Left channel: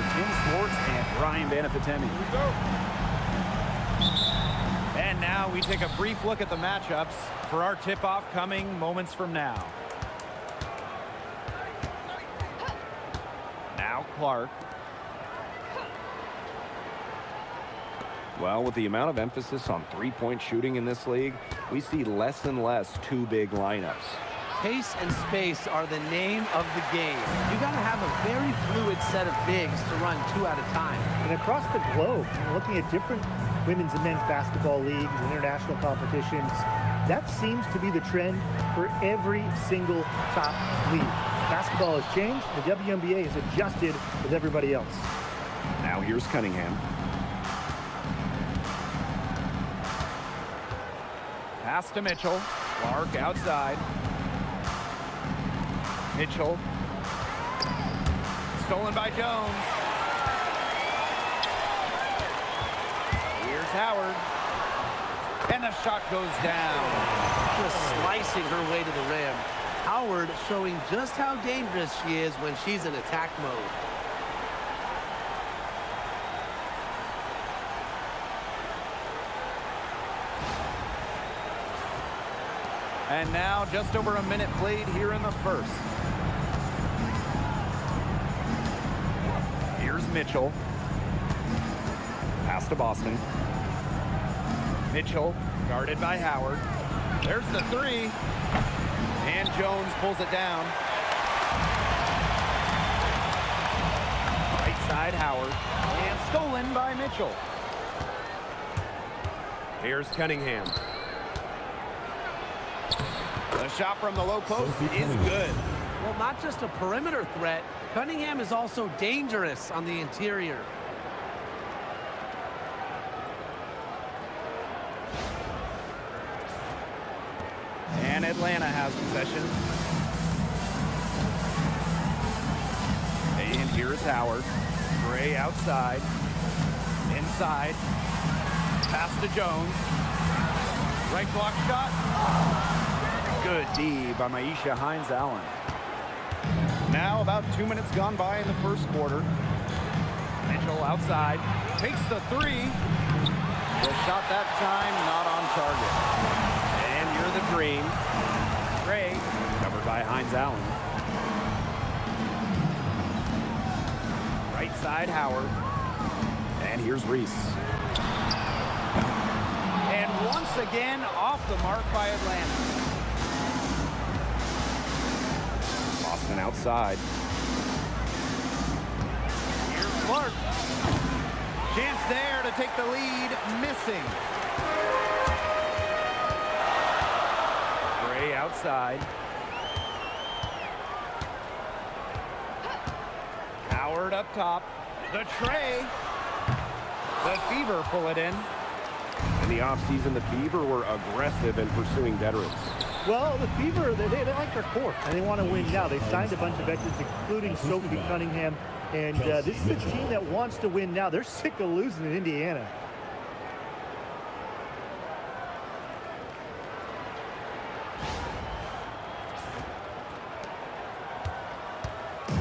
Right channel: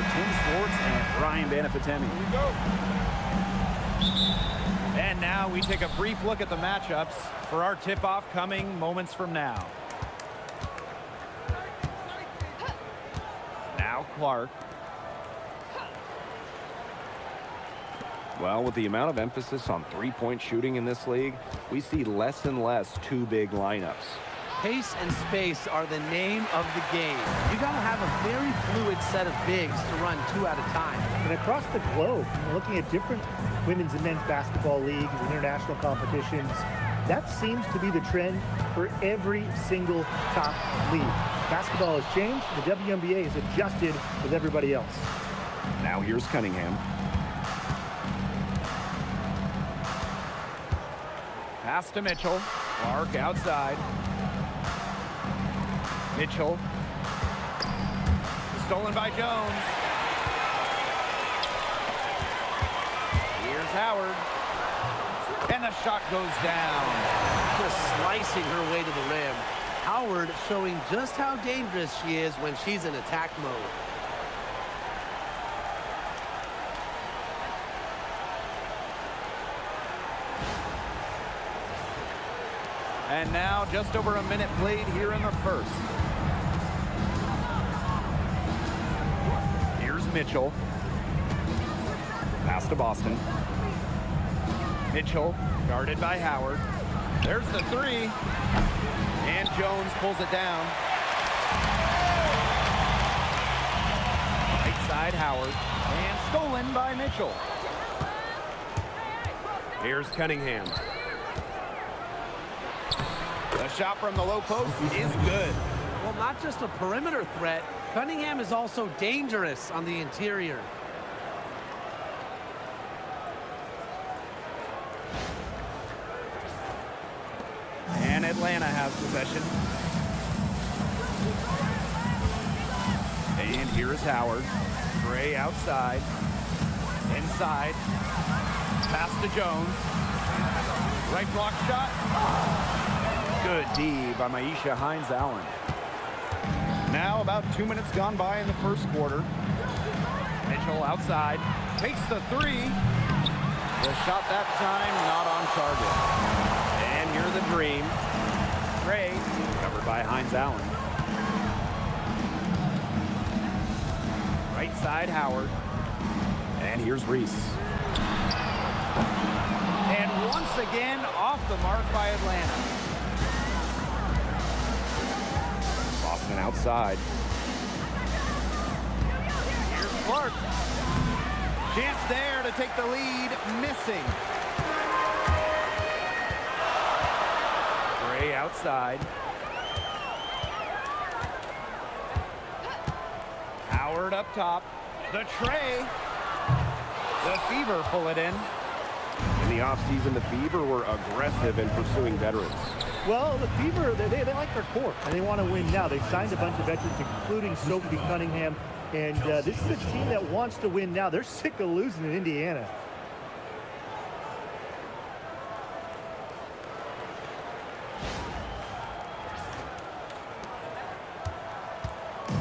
are Tim Swartz and Brian Banafitemi. Here we go. And now we take a brief look at the matchups for our tip-off coming moments from now. Now Clark. Well, with the amount of emphasis on three-point shooting in this league, we see less and less two big lineups. Pace and space are the name of the game. You got to have a very fluid set of bigs to run two at a time. And across the globe, looking at different women's and men's basketball leagues and international competitions, that seems to be the trend for every single top league. Basketball has changed. The WNBA has adjusted with everybody else. Now here's Cunningham. Pass to Mitchell. Clark outside. Mitchell. Stolen by Jones. Here's Howard. And the shot goes down. Just slicing her way to the rim. Howard showing just how dangerous she is when she's in attack mode. And now just over a minute played here in the first. Here's Mitchell. Pass to Boston. Mitchell guarded by Howard. There's the three. And Jones pulls it down. Right side Howard. And stolen by Mitchell. Here's Cunningham. The shot from the low post is good. Well, not just a perimeter threat, Cunningham is also dangerous on the interior. And Atlanta has possession. And here's Howard. Gray outside. Inside. Pass to Jones. Right block shot. Good D by Maisha Hines-Allen. Now about 2 minutes gone by in the first quarter. Mitchell outside. Takes the three. The shot that time not on target. And here's the dream. Gray covered by Hines-Allen. Right side Howard. And here's Reese. And once again off the mark by Atlanta. Boston outside. Here's Clark. Chance there to take the lead. Missing. Gray outside. Howard up top. The tray. The Fever pull it in. In the offseason, the Fever were aggressive in pursuing veterans. Well, the Fever, they like their core, and they want to win now. They signed a bunch of veterans, including Sophie Cunningham, and this is a team that wants to win now. They're sick of losing in Indiana.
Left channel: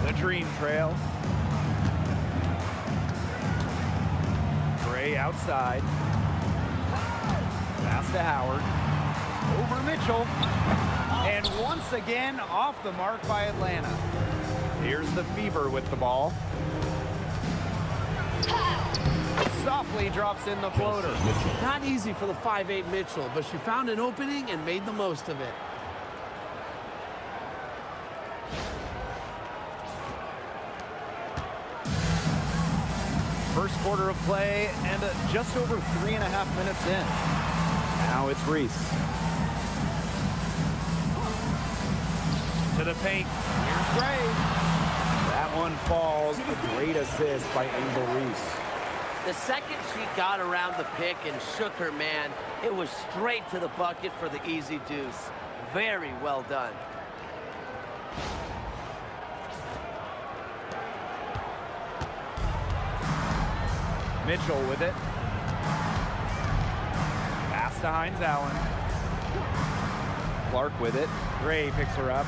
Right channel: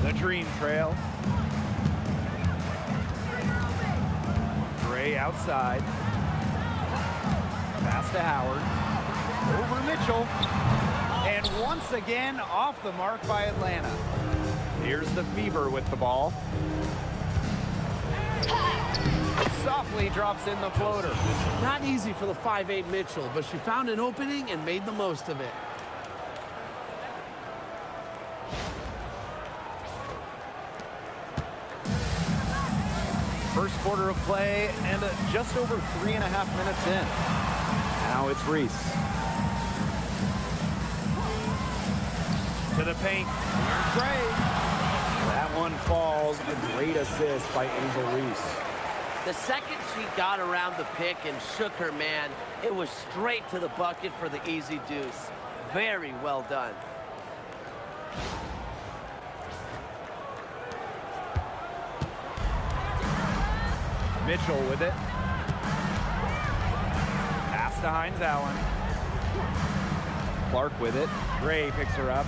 The Dream Trail. Gray outside. Pass to Howard. Over Mitchell. And once again off the mark by Atlanta. Here's the Fever with the ball. Softly drops in the floater. Not easy for the 5'8" Mitchell, but she found an opening and made the most of it. First quarter of play and just over 3.5 minutes in. Now it's Reese. To the paint. Here's Gray. That one falls. A great assist by Angel Reese. The second she got around the pick and shook her man, it was straight to the bucket for the easy deuce. Very well done. Mitchell with it. Pass to Hines-Allen. Clark with it. Gray picks her up.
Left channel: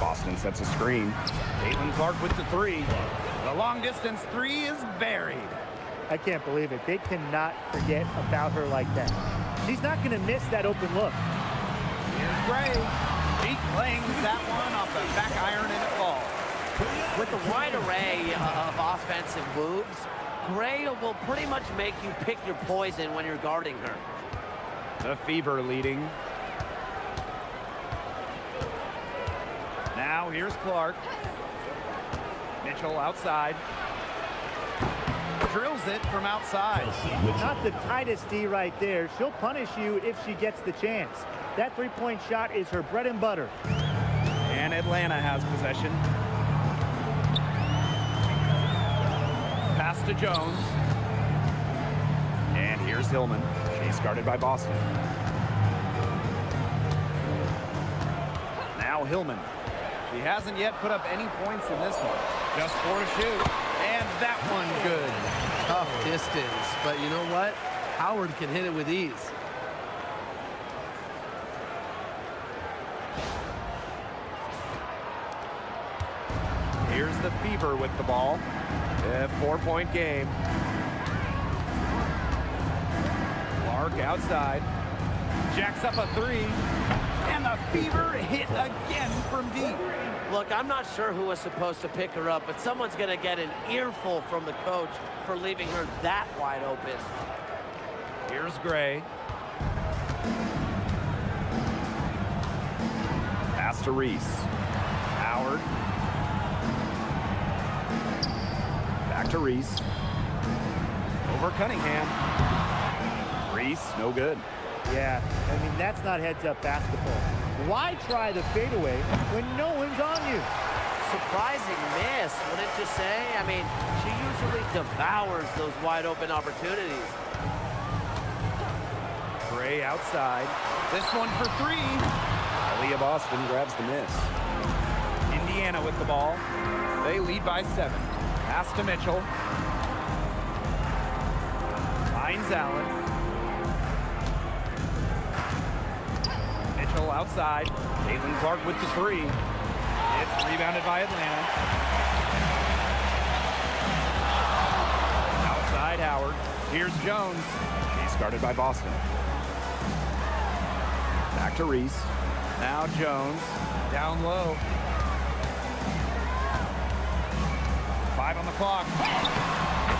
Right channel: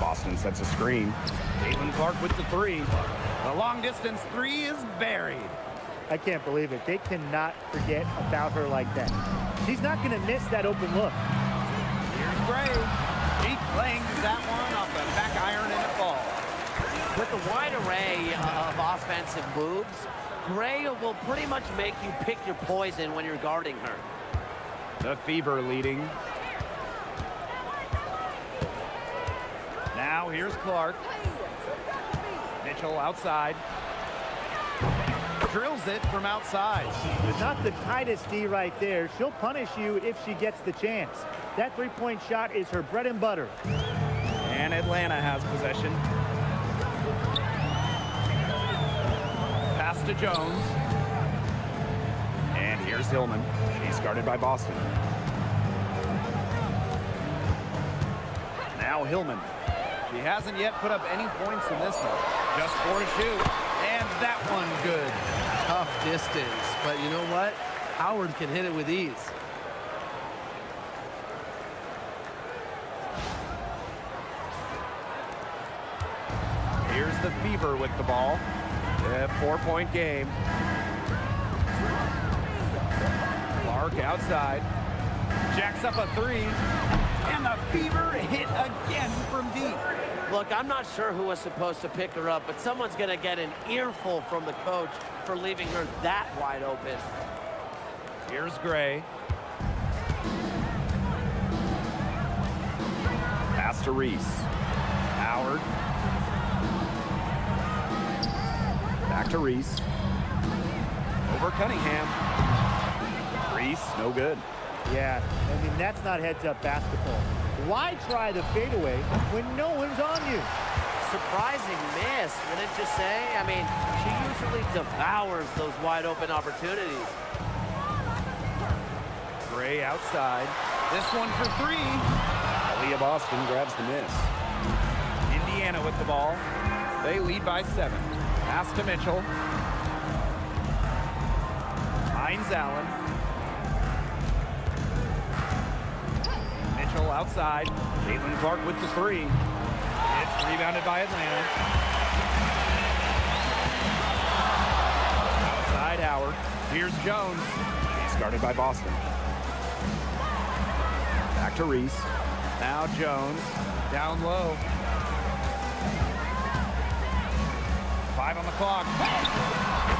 Boston sets a screen. Caitlin Clark with the three. The long distance three is buried. I can't believe it. They cannot forget about her like that. She's not going to miss that open look. Here's Gray. She clangs that one off the back iron and it falls. With the wide array of offensive moves, Gray will pretty much make you pick your poison when you're guarding her. The Fever leading. Now here's Clark. Mitchell outside. Drills it from outside. Not the tightest D right there. She'll punish you if she gets the chance. That three-point shot is her bread and butter. And Atlanta has possession. Pass to Jones. And here's Hillman. She's guarded by Boston. Now Hillman. She hasn't yet put up any points in this one. Just 4 to shoot. And that one good. Tough distance, but you know what? Howard can hit it with ease. Here's the Fever with the ball. A 4-point game. Clark outside. Jacks up a three. And the Fever hit again from deep. Look, I'm not sure who was supposed to pick her up, but someone's going to get an earful from the coach for leaving her that wide open. Here's Gray. Pass to Reese. Howard. Back to Reese. Over Cunningham. Reese, no good. Yeah, I mean, that's not heads-up basketball. Why try the fadeaway when no one's on you? Surprising miss, wouldn't you say? I mean, she usually devours those wide-open opportunities. Gray outside. This one for three. Aaliyah Boston grabs the miss. Indiana with the ball. They lead by 7. Pass to Mitchell. Hines Allen. Mitchell outside. Caitlin Clark with the three. It's rebounded by Atlanta. Outside Howard. Here's Jones. She's guarded by Boston. Back to Reese. Now Jones. Down low. 5 on the clock.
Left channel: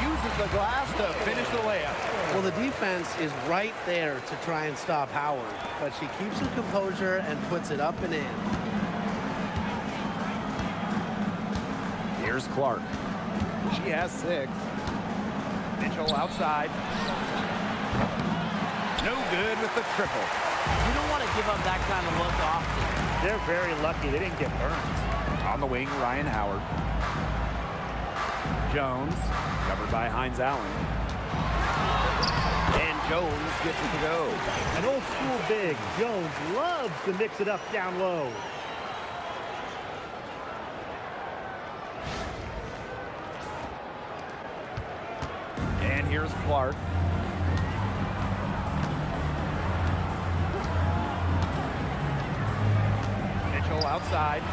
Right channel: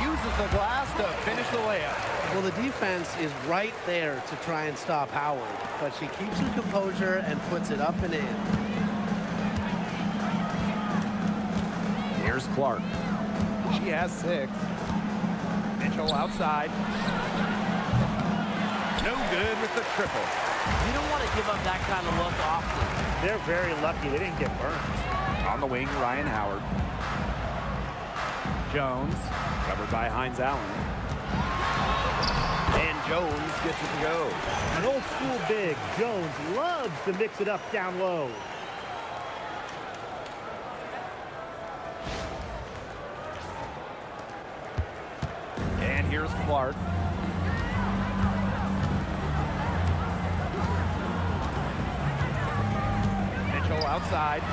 Uses the glass to finish the layup. Well, the defense is right there to try and stop Howard, but she keeps her composure and puts it up and in. Here's Clark. She has 6. Mitchell outside. No good with the triple. You don't want to give up that kind of look often. They're very lucky they didn't get burned. On the wing, Ryan Howard. Jones. Covered by Hines Allen. And Jones gets it to go. An old school big, Jones loves to mix it up down low. And here's Clark. Mitchell outside.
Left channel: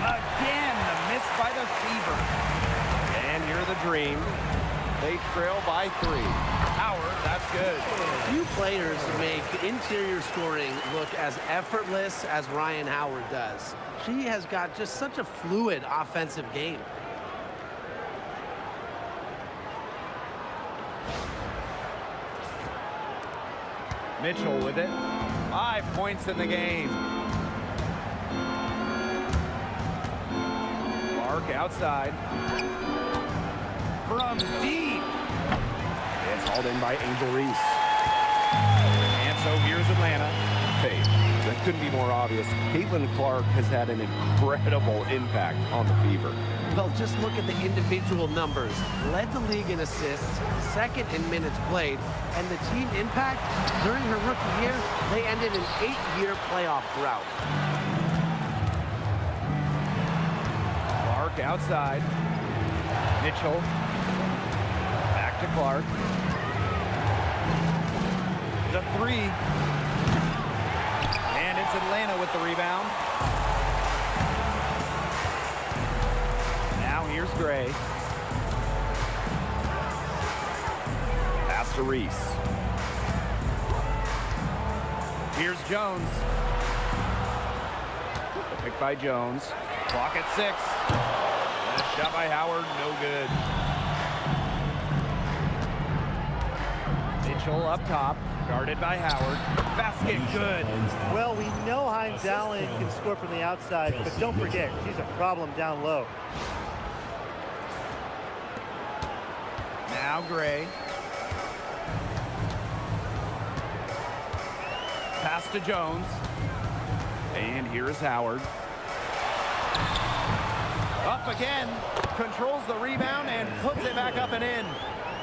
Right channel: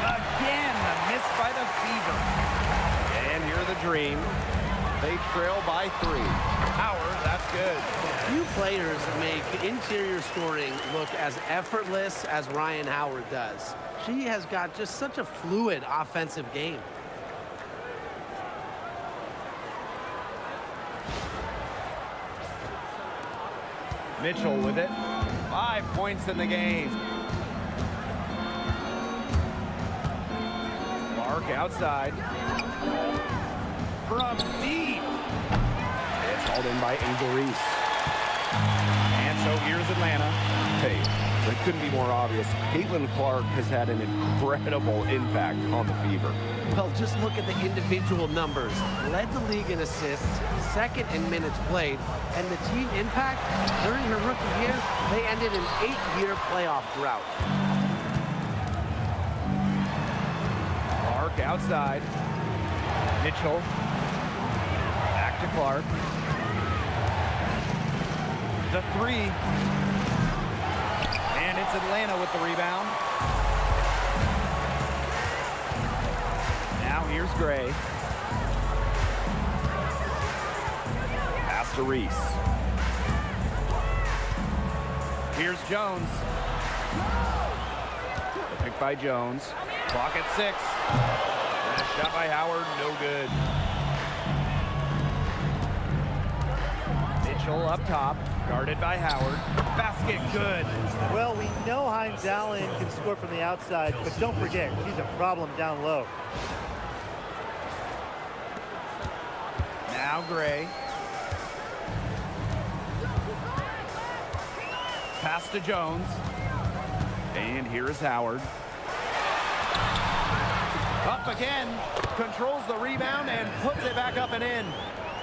Again, the miss by the Fever. And here the Dream. They trail by 3. Howard, that's good. Few players make interior scoring look as effortless as Ryan Howard does. She has got just such a fluid offensive game. Mitchell with it. 5 points in the game. Clark outside. From deep. It's hauled in by Angel Reese. And so here's Atlanta. Hey, that couldn't be more obvious. Caitlin Clark has had an incredible impact on the Fever. Well, just look at the individual numbers. Led the league in assists, second in minutes played, and the team impact during her rookie year, they ended an 8-year playoff drought. Clark outside. Mitchell. Back to Clark. The 3. And it's Atlanta with the rebound. Now here's Gray. Pass to Reese. Here's Jones. The pick by Jones. Clock at 6. And a shot by Howard, no good. Mitchell up top, guarded by Howard. Basket, good. Well, we know Hines Allen can score from the outside, but don't forget, she's a problem down low. Now Gray. Pass to Jones. And here is Howard. Up again. Controls the rebound and puts it back up and in.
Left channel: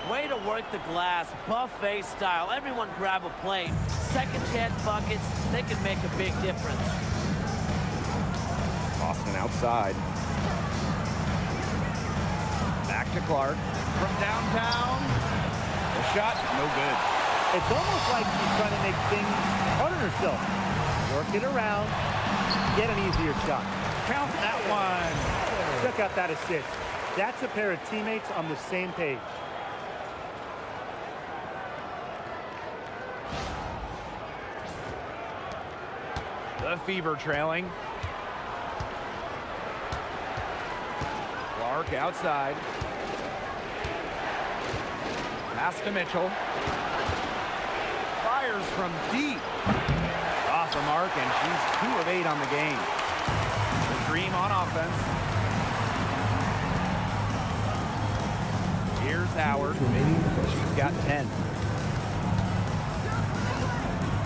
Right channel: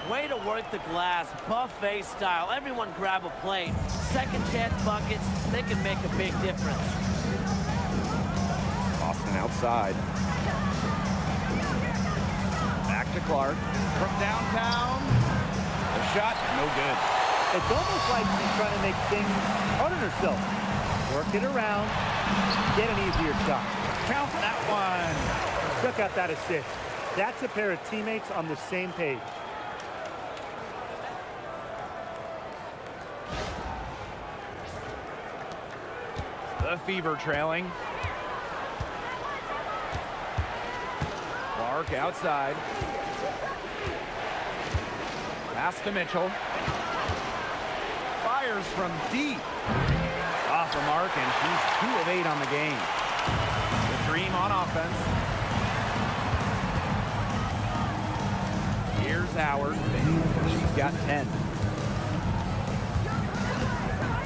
Way to work the glass, buffet style. Everyone grab a plate. Second chance buckets, they can make a big difference. Boston outside. Back to Clark. From downtown. The shot, no good. It's almost like she's trying to make things hard on herself. Work it around, get an easier shot. Count that one. Check out that assist. That's a pair of teammates on the same page. The Fever trailing. Clark outside. Pass to Mitchell. Fires from deep. Off the mark, and she's 2 of 8 on the game. The Dream on offense. Here's Howard. She's got 10.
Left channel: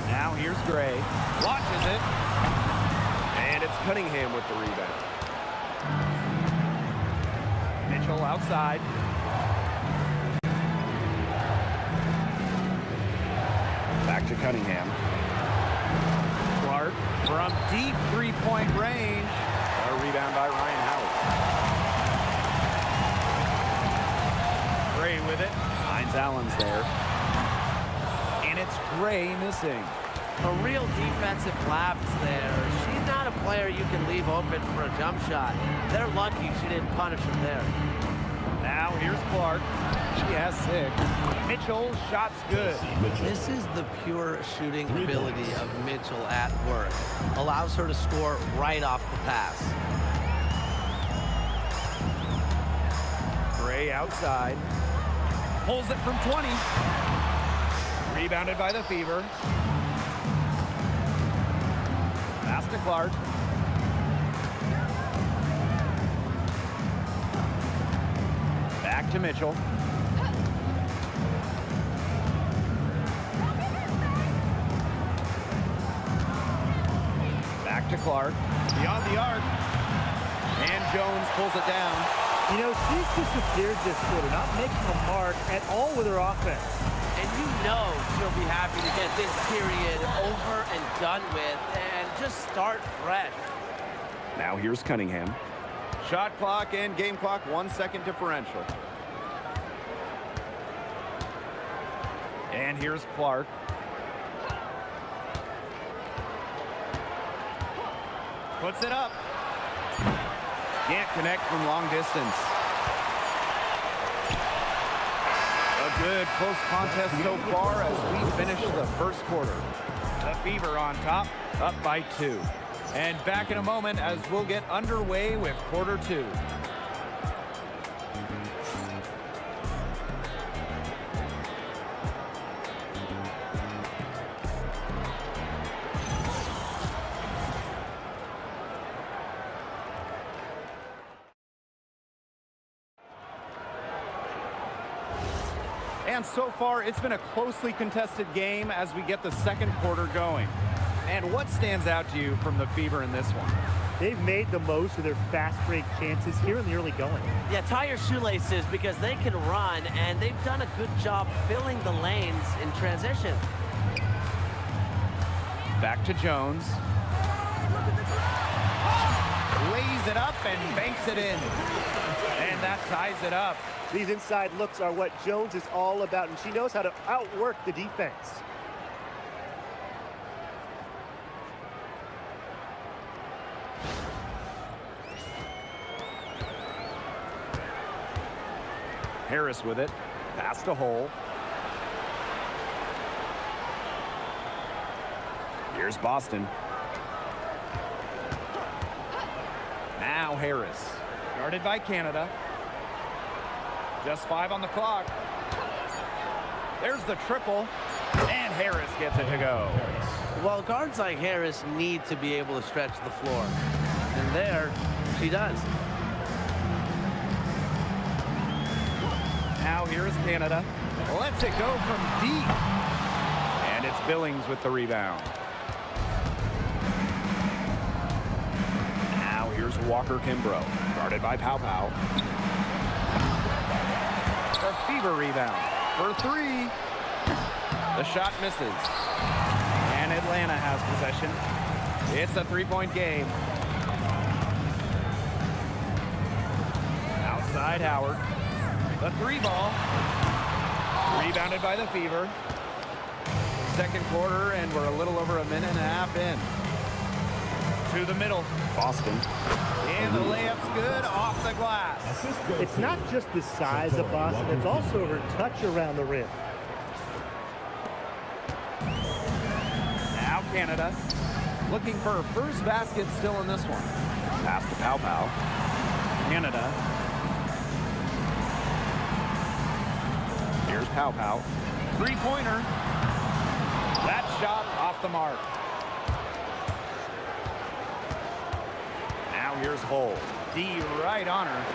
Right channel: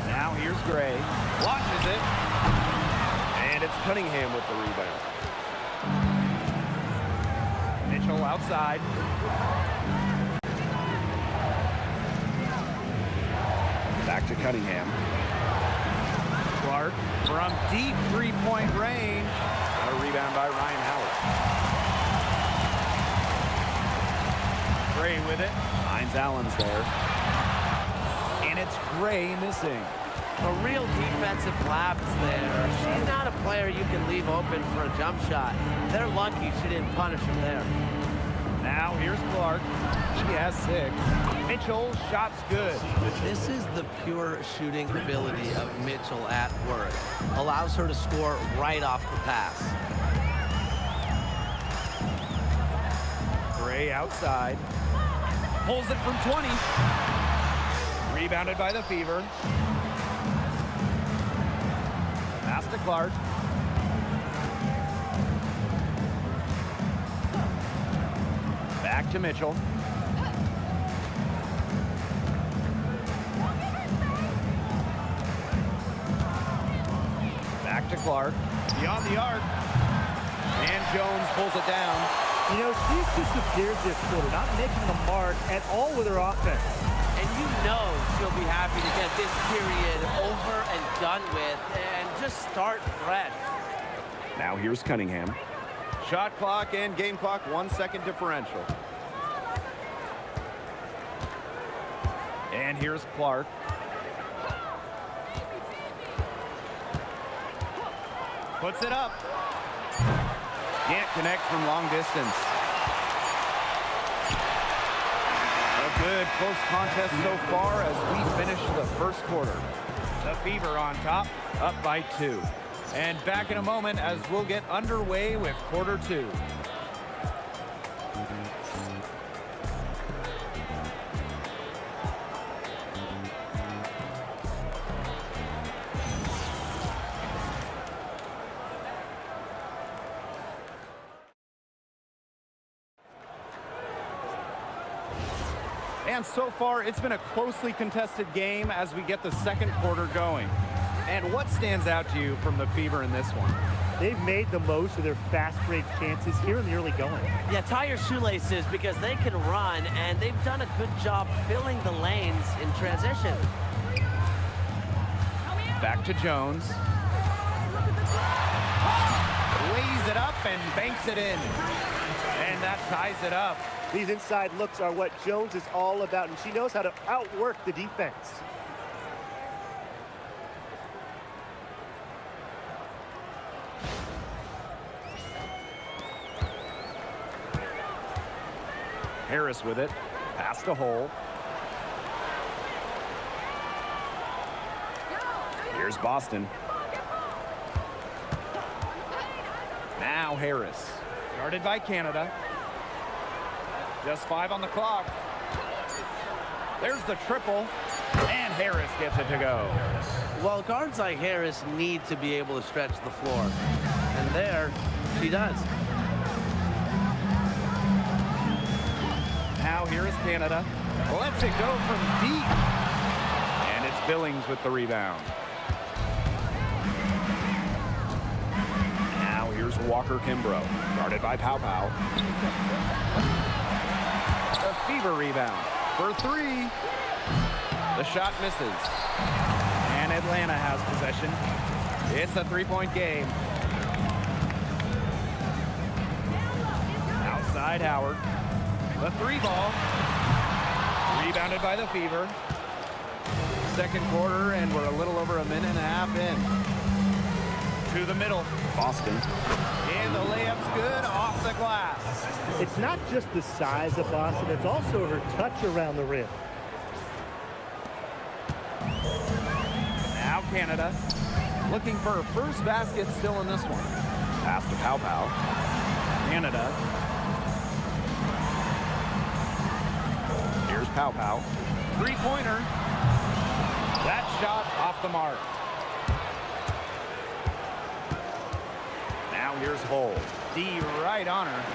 Now here's Gray. Launches it. And it's Cunningham with the rebound. Mitchell outside. Back to Cunningham. Clark from deep three-point range. A rebound by Ryan Howard. Gray with it. Hines Allen's there. And it's Gray missing. A real defensive lapse there. She's not a player you can leave open for a jump shot. They're lucky she didn't punish him there. Now here's Clark. She has 6. Mitchell, shot's good. This is the pure shooting ability of Mitchell at work. Allows her to score right off the pass. Gray outside. Pulls it from 20. Rebounded by the Fever. Pass to Clark. Back to Mitchell. Back to Clark. Beyond the arc. And Jones pulls it down. You know, she's disappeared this quarter, not making a mark at all with her offense. And you know she'll be happy to get this period over and done with and just start fresh. Now here's Cunningham. Shot clock and game clock, 1 second differential. And here's Clark. Puts it up. Can't connect from long distance. A good close contest so far as we finish the first quarter. The Fever on top, up by 2. And back in a moment as we'll get underway with quarter 2. And so far, it's been a closely contested game as we get the second quarter going. And what stands out to you from the Fever in this one? They've made the most of their fast break chances here in the early going. Yeah, tie your shoelaces because they can run, and they've done a good job filling the lanes in transition. Back to Jones. Lays it up and banks it in. And that ties it up. These inside looks are what Jones is all about, and she knows how to outwork the defense. Harris with it. Pass to Hole. Here's Boston. Now Harris. Guarded by Canada. Just 5 on the clock. There's the triple. And Harris gets it to go. Well, guards like Harris need to be able to stretch the floor. And there, she does. Now here is Canada. Lets it go from deep. And it's Billings with the rebound. Now here's Walker Kimbrough. Guarded by Pow Pow. The Fever rebound for 3. The shot misses. And Atlanta has possession. It's a 3-point game. Outside Howard. The 3 ball. Rebounded by the Fever. Second quarter, and we're a little over a minute and a half in. To the middle. Boston. And the layup's good off the glass. It's not just the size of Boston, it's also her touch around the rim. Now Canada looking for her first basket still in this one. Pass to Pow Pow. Canada. Here's Pow Pow. 3-pointer. That shot off the mark. Now here's Hole. D right on her.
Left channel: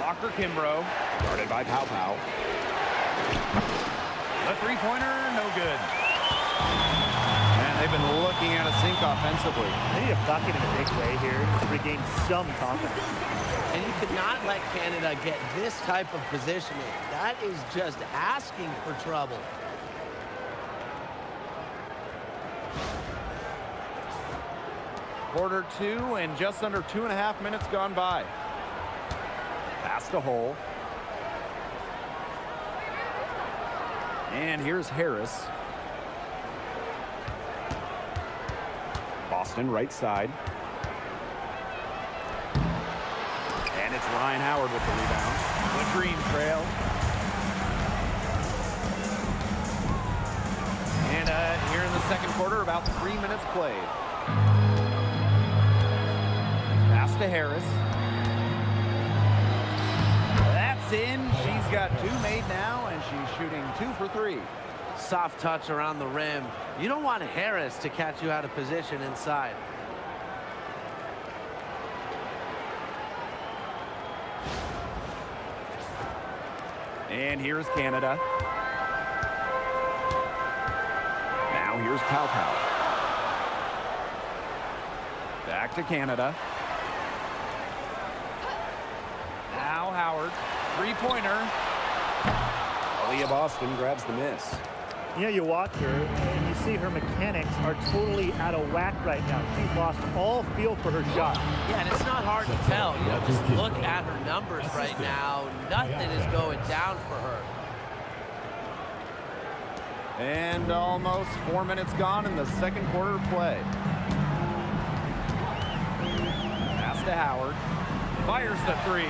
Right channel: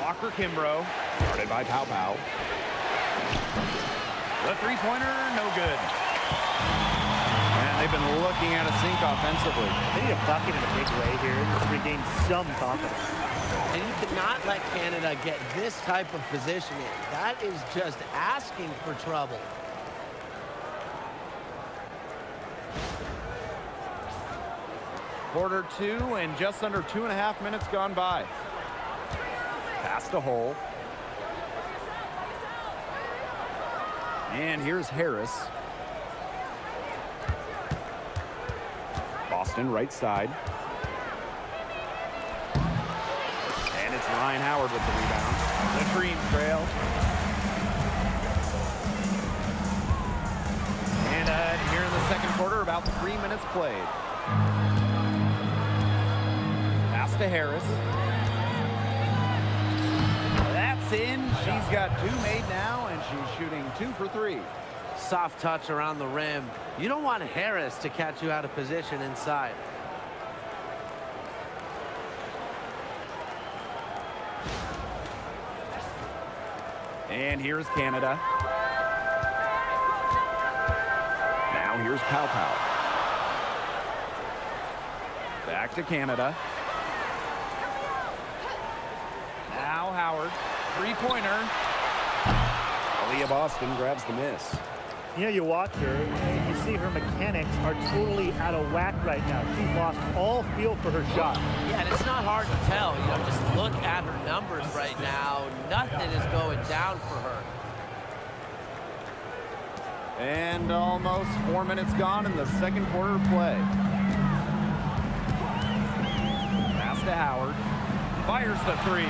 Walker Kimbrough. Guarded by Pow Pow. The 3-pointer, no good. Man, they've been looking at a sink offensively. They need a bucket in a big way here to regain some confidence. And you cannot let Canada get this type of positioning. That is just asking for trouble. Quarter 2 and just under 2.5 minutes gone by. Pass to Hole. And here's Harris. Boston right side. And it's Ryan Howard with the rebound. The Dream trail. And here in the second quarter, about 3 minutes played. Pass to Harris. That's in. She's got 2 made now, and she's shooting 2 for 3. Soft touch around the rim. You don't want Harris to catch you out of position inside. And here's Canada. Now here's Pow Pow. Back to Canada. Now Howard. 3-pointer. Aaliyah Boston grabs the miss. You know, you watch her and you see her mechanics are totally out of whack right now. She's lost all feel for her shot. Yeah, and it's not hard to tell. You know, just look at her numbers right now. Nothing is going down for her. And almost 4 minutes gone in the second quarter of play. Pass to Howard. Fires the 3.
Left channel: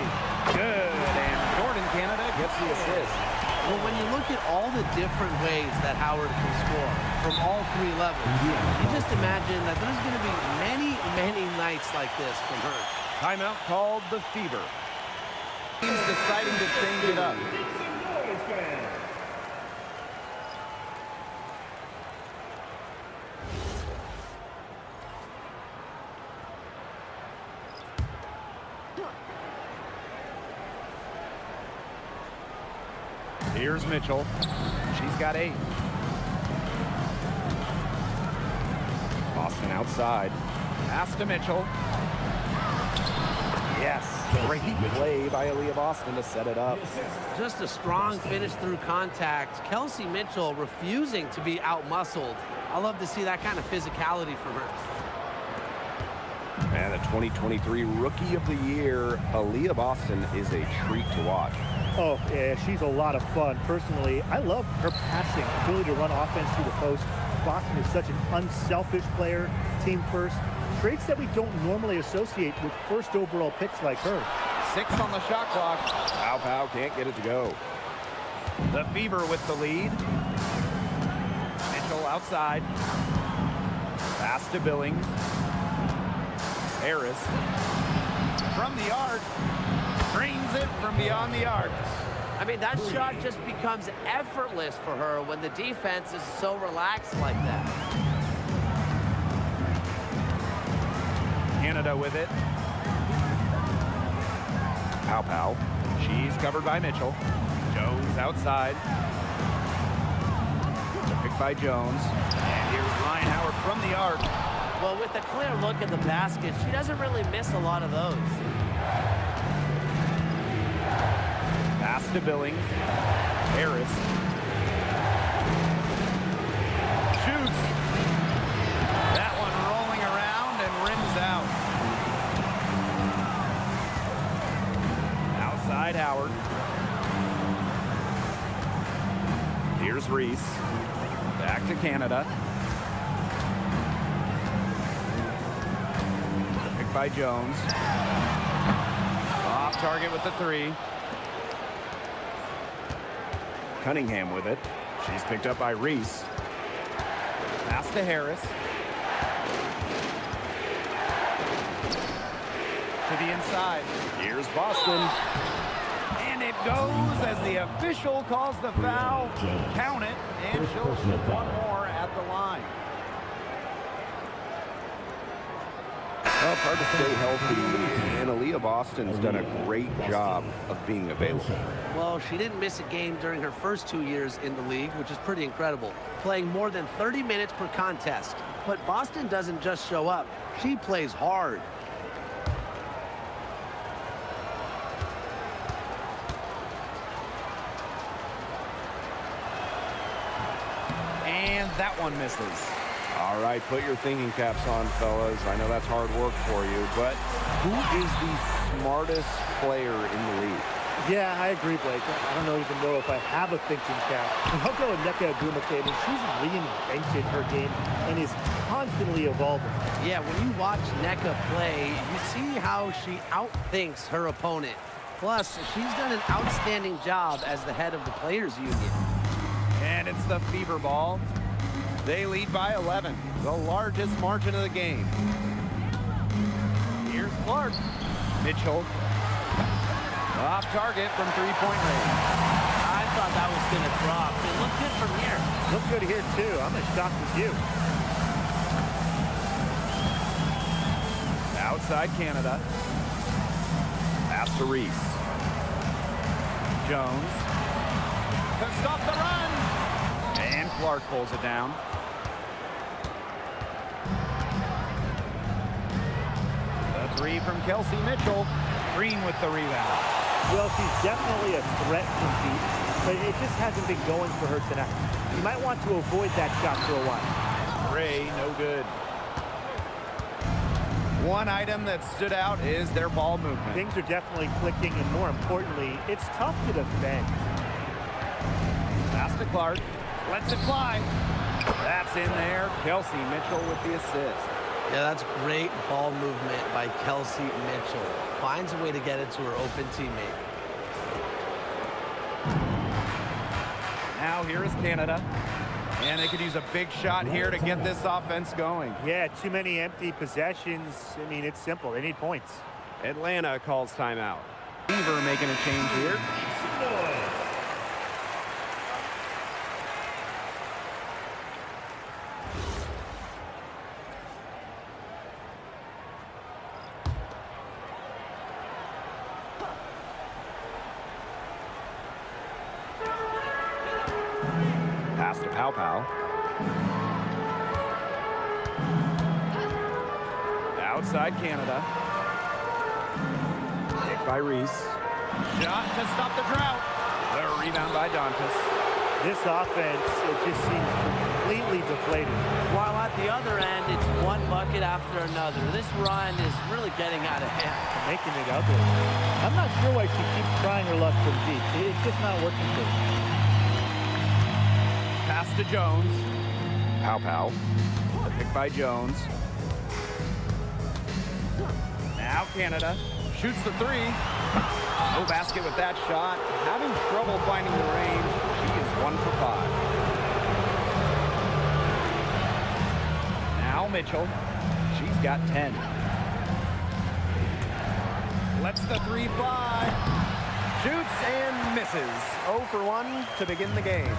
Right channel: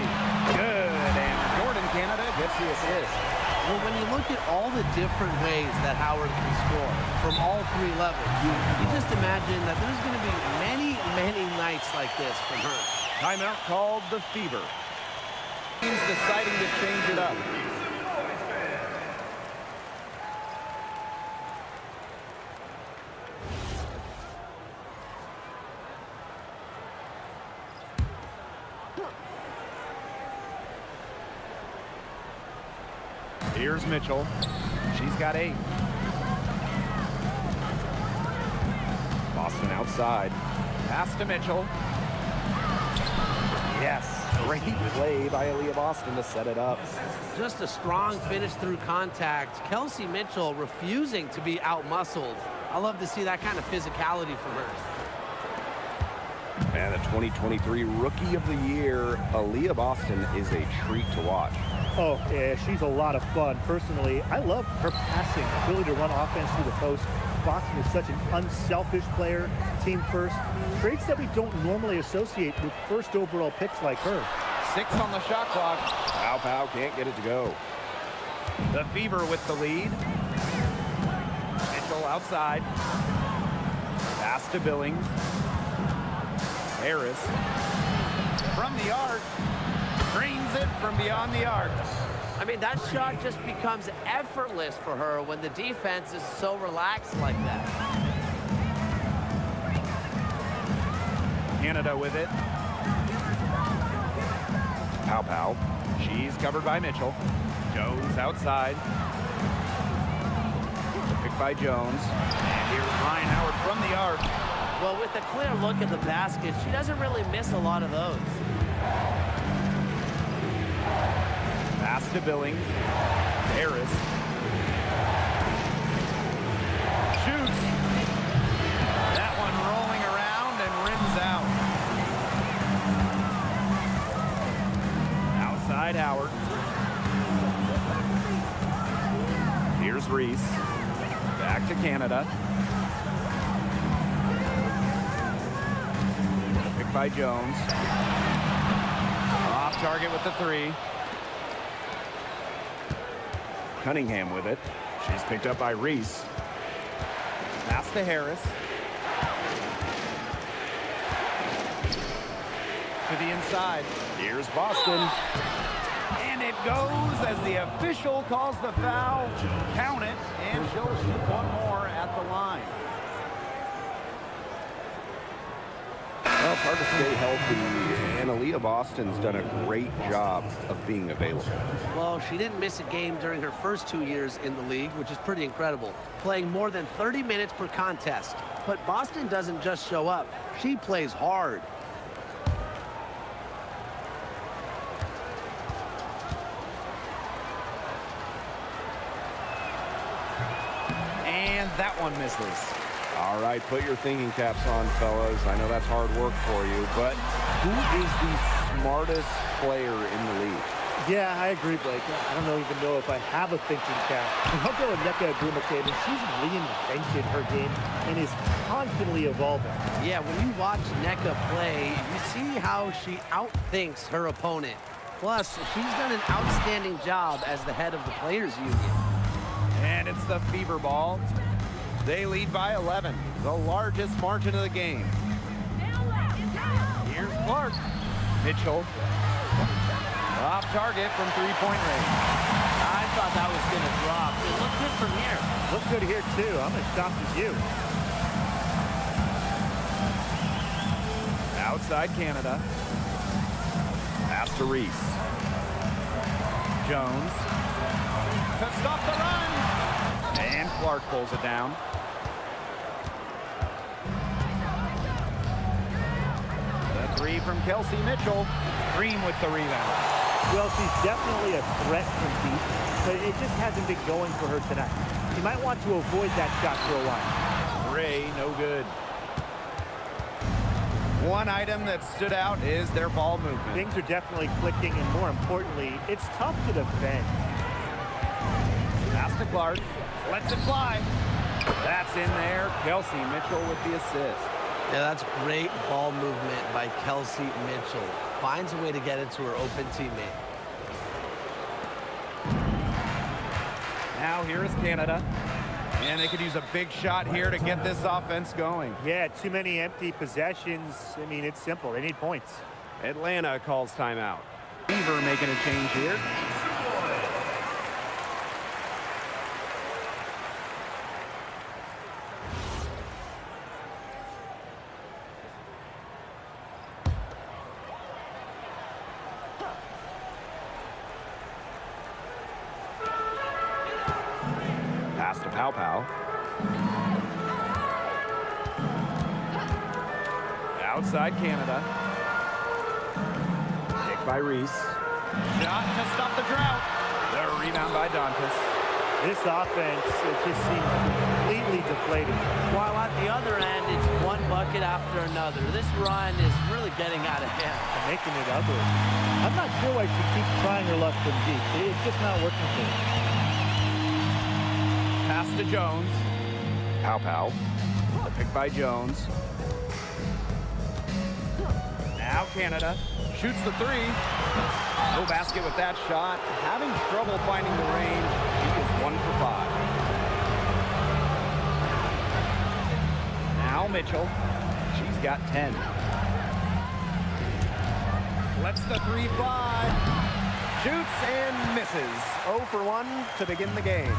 Good. And Jordan Canada gets the assist. Well, when you look at all the different ways that Howard can score from all 3 levels, you just imagine that there's going to be many, many nights like this from her. Timeout called the Fever. Teams deciding to change it up. Here's Mitchell. She's got 8. Boston outside. Pass to Mitchell. Yes, great play by Aaliyah Boston to set it up. Just a strong finish through contact. Kelsey Mitchell refusing to be outmuscled. I love to see that kind of physicality from her. And the 2023 Rookie of the Year, Aaliyah Boston, is a treat to watch. Oh, yeah, she's a lot of fun. Personally, I love her passing, ability to run offense through the post. Boston is such an unselfish player, team first. Traits that we don't normally associate with first overall picks like her. 6 on the shot clock. Pow Pow can't get it to go. The Fever with the lead. Mitchell outside. Pass to Billings. Harris from the arc. Drains it from beyond the arc. I mean, that shot just becomes effortless for her when the defense is so relaxed like that. Canada with it. Pow Pow. She's covered by Mitchell. Jones outside. The pick by Jones. And here's Ryan Howard from the arc. Well, with a clear look at the basket, she doesn't really miss a lot of those. Pass to Billings. Harris. Shoots. That one rolling around and rims out. Outside Howard. Here's Reese. Back to Canada. The pick by Jones. Off target with the 3. Cunningham with it. She's picked up by Reese. Pass to Harris. To the inside. Here's Boston. And it goes as the official calls the foul. Count it, and she'll shoot one more at the line. Well, it's hard to stay healthy, and Aaliyah Boston's done a great job of being available. Well, she didn't miss a game during her first 2 years in the league, which is pretty incredible, playing more than 30 minutes per contest. But Boston doesn't just show up. She plays hard. And that one misses. All right, put your thinking caps on, fellas. I know that's hard work for you, but who is the smartest player in the league? Yeah, I agree, Blake. I don't even know if I have a thinking cap. I'll go with Nneka Agumake. I mean, she's reinvented her game and is constantly evolving. Yeah, when you watch Nneka play, you see how she outthinks her opponent. Plus, she's done an outstanding job as the head of the Players Union. And it's the Fever ball. They lead by 11, the largest margin of the game. Here's Clark. Mitchell. Off target from three-point range. I thought that was going to drop. It looked good from here. Look good here, too. I'm as shocked as you. Outside Canada. Pass to Reese. Jones. To stop the run. And Clark pulls it down. The 3 from Kelsey Mitchell. Green with the rebound. Well, she's definitely a threat from deep, but it just hasn't been going for her tonight. She might want to avoid that shot for a while. Gray, no good. One item that stood out is their ball movement. Things are definitely clicking, and more importantly, it's tough to defend. Pass to Clark. Lets it fly. That's in there. Kelsey Mitchell with the assist. Yeah, that's great ball movement by Kelsey Mitchell. Finds a way to get it to her open teammate. Now here is Canada. And they could use a big shot here to get this offense going. Yeah, too many empty possessions. I mean, it's simple. They need points. Atlanta calls timeout. Fever making a change here. Pass to Pow Pow. Outside Canada. Picked by Reese. Shot to stop the drought. The rebound by Dantas. This offense, it just seems completely deflated. While at the other end, it's one bucket after another. This run is really getting out of hand. And making it ugly. I'm not sure why she keeps trying her luck from deep. It's just not working for her. Pass to Jones. Pow Pow. Picked by Jones. Now Canada shoots the 3. No basket with that shot. Having trouble finding the range. She is 1 for 5. Now Mitchell. She's got 10. Lets the 3 fly. Shoots and misses. 0 for 1 to begin the game.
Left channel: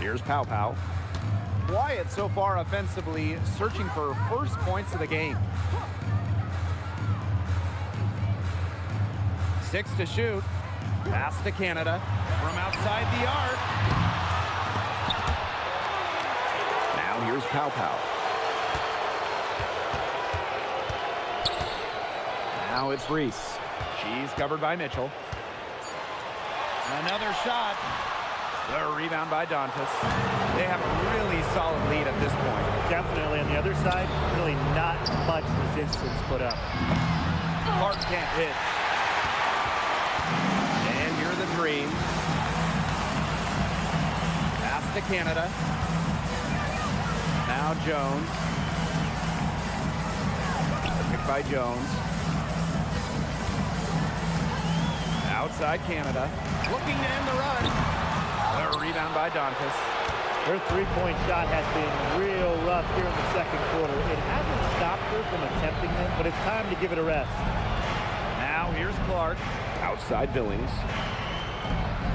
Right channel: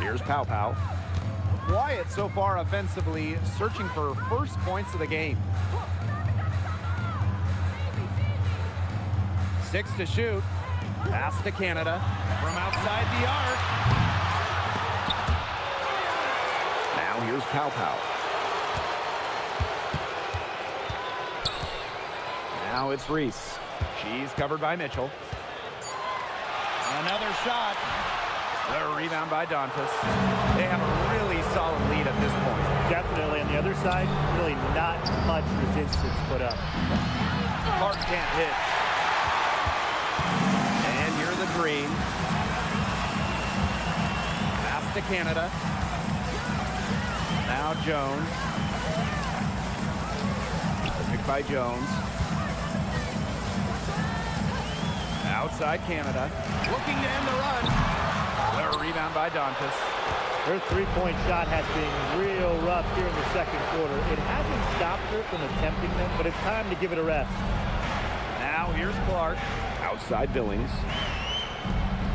Here's Pow Pow. Quiet so far offensively, searching for first points of the game. 6 to shoot. Pass to Canada from outside the arc. Now here's Pow Pow. Now it's Reese. She's covered by Mitchell. Another shot. The rebound by Dantas. They have a really solid lead at this point. Definitely on the other side, really not much resistance put up. Clark can't hit. And here's the Dream. Pass to Canada. Now Jones. Picked by Jones. Outside Canada. Looking to end the run. The rebound by Dantas. Her three-point shot has been real rough here in the second quarter. It hasn't stopped her from attempting them, but it's time to give it a rest. Now here's Clark. Outside Billings.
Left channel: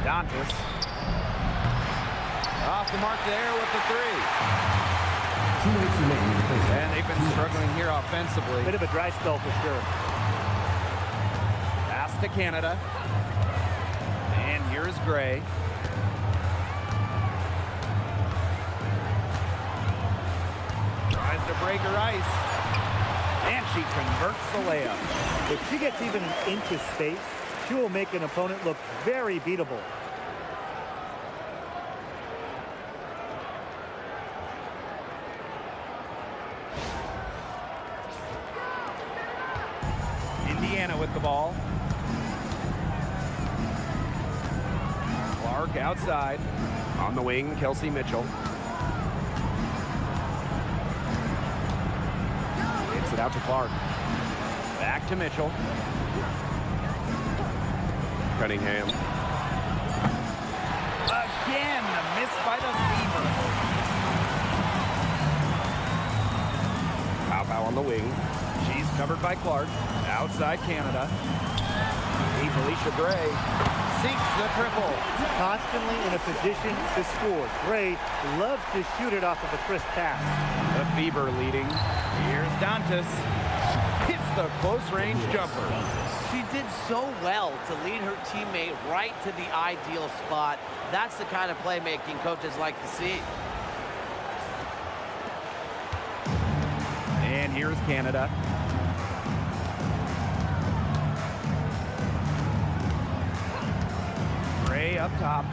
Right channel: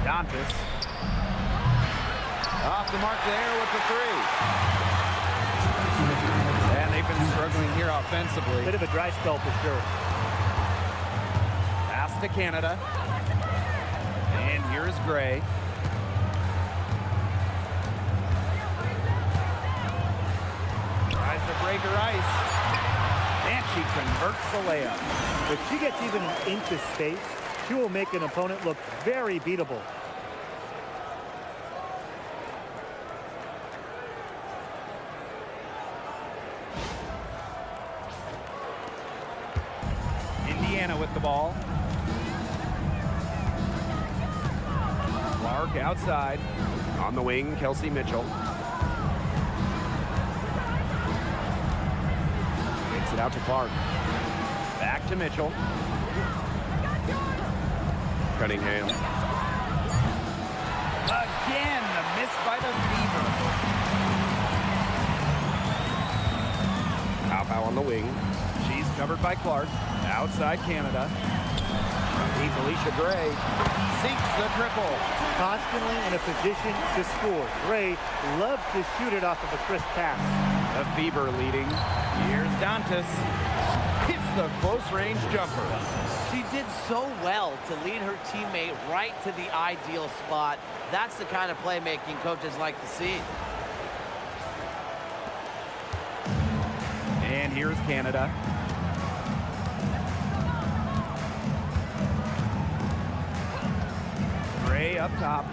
Dantas. Off the mark there with the 3. And they've been struggling here offensively. Bit of a dry spell for sure. Pass to Canada. And here's Gray. Tries to break her ice. And she converts the layup. If she gets even an inch of space, she will make an opponent look very beatable. Indiana with the ball. Clark outside. On the wing, Kelsey Mitchell. Gets it out to Clark. Back to Mitchell. Cunningham. Again, the miss by the Fever. Pow Pow on the wing. She's covered by Clark. Outside Canada. Deep Alicia Gray sinks the triple. Constantly in a position to score. Gray loves to shoot it off of a crisp pass. The Fever leading. Here's Dantas. Hits the close range jumper. She did so well to lead her teammate right to the ideal spot. That's the kind of playmaking coaches like to see. And here's Canada. Gray up top.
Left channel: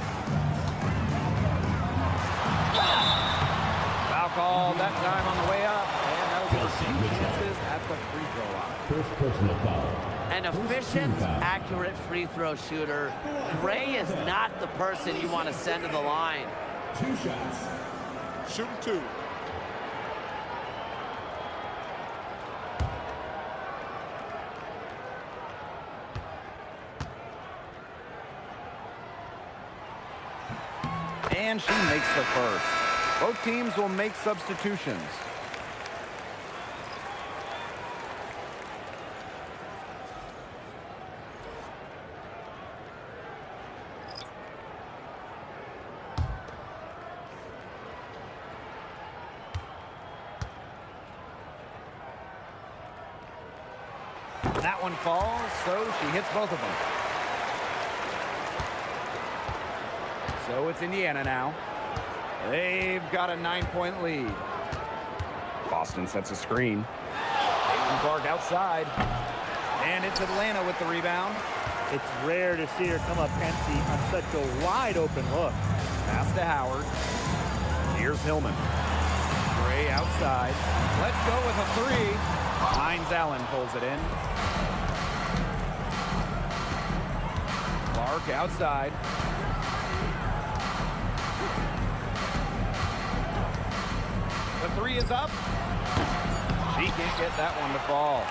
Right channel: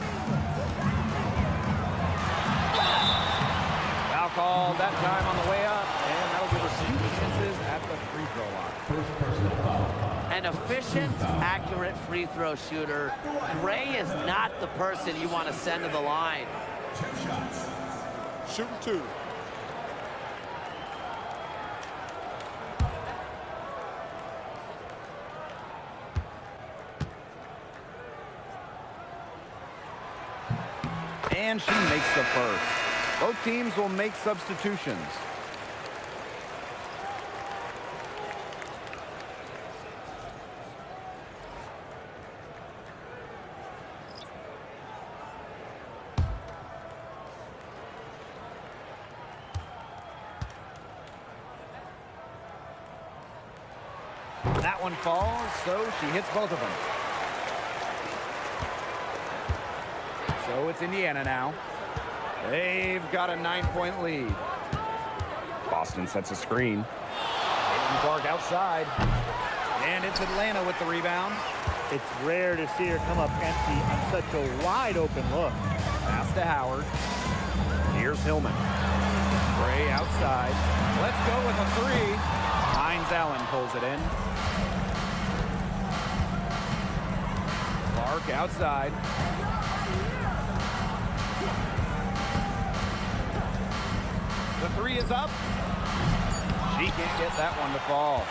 Foul called that time on the way up, and that'll give us 2 chances at the free throw line. First personal foul. An efficient, accurate free throw shooter. Gray is not the person you want to send to the line. 2 shots. Shooting 2. And she makes the first. Both teams will make substitutions. That one falls, so she hits both of them. So it's Indiana now. They've got a 9-point lead. Boston sets a screen. Caitlin Clark outside. And it's Atlanta with the rebound. It's rare to see her come up empty on such a wide open look. Pass to Howard. Here's Hillman. Gray outside. Let's go with a 3. Hines Allen pulls it in. Clark outside. The 3 is up. She can't get that one to fall.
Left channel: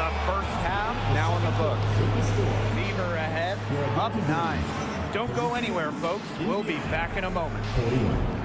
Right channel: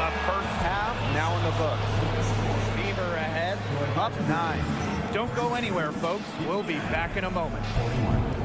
The first half now in the books. Beaver ahead, up 9. Don't go anywhere, folks. We'll be back in a moment. 41.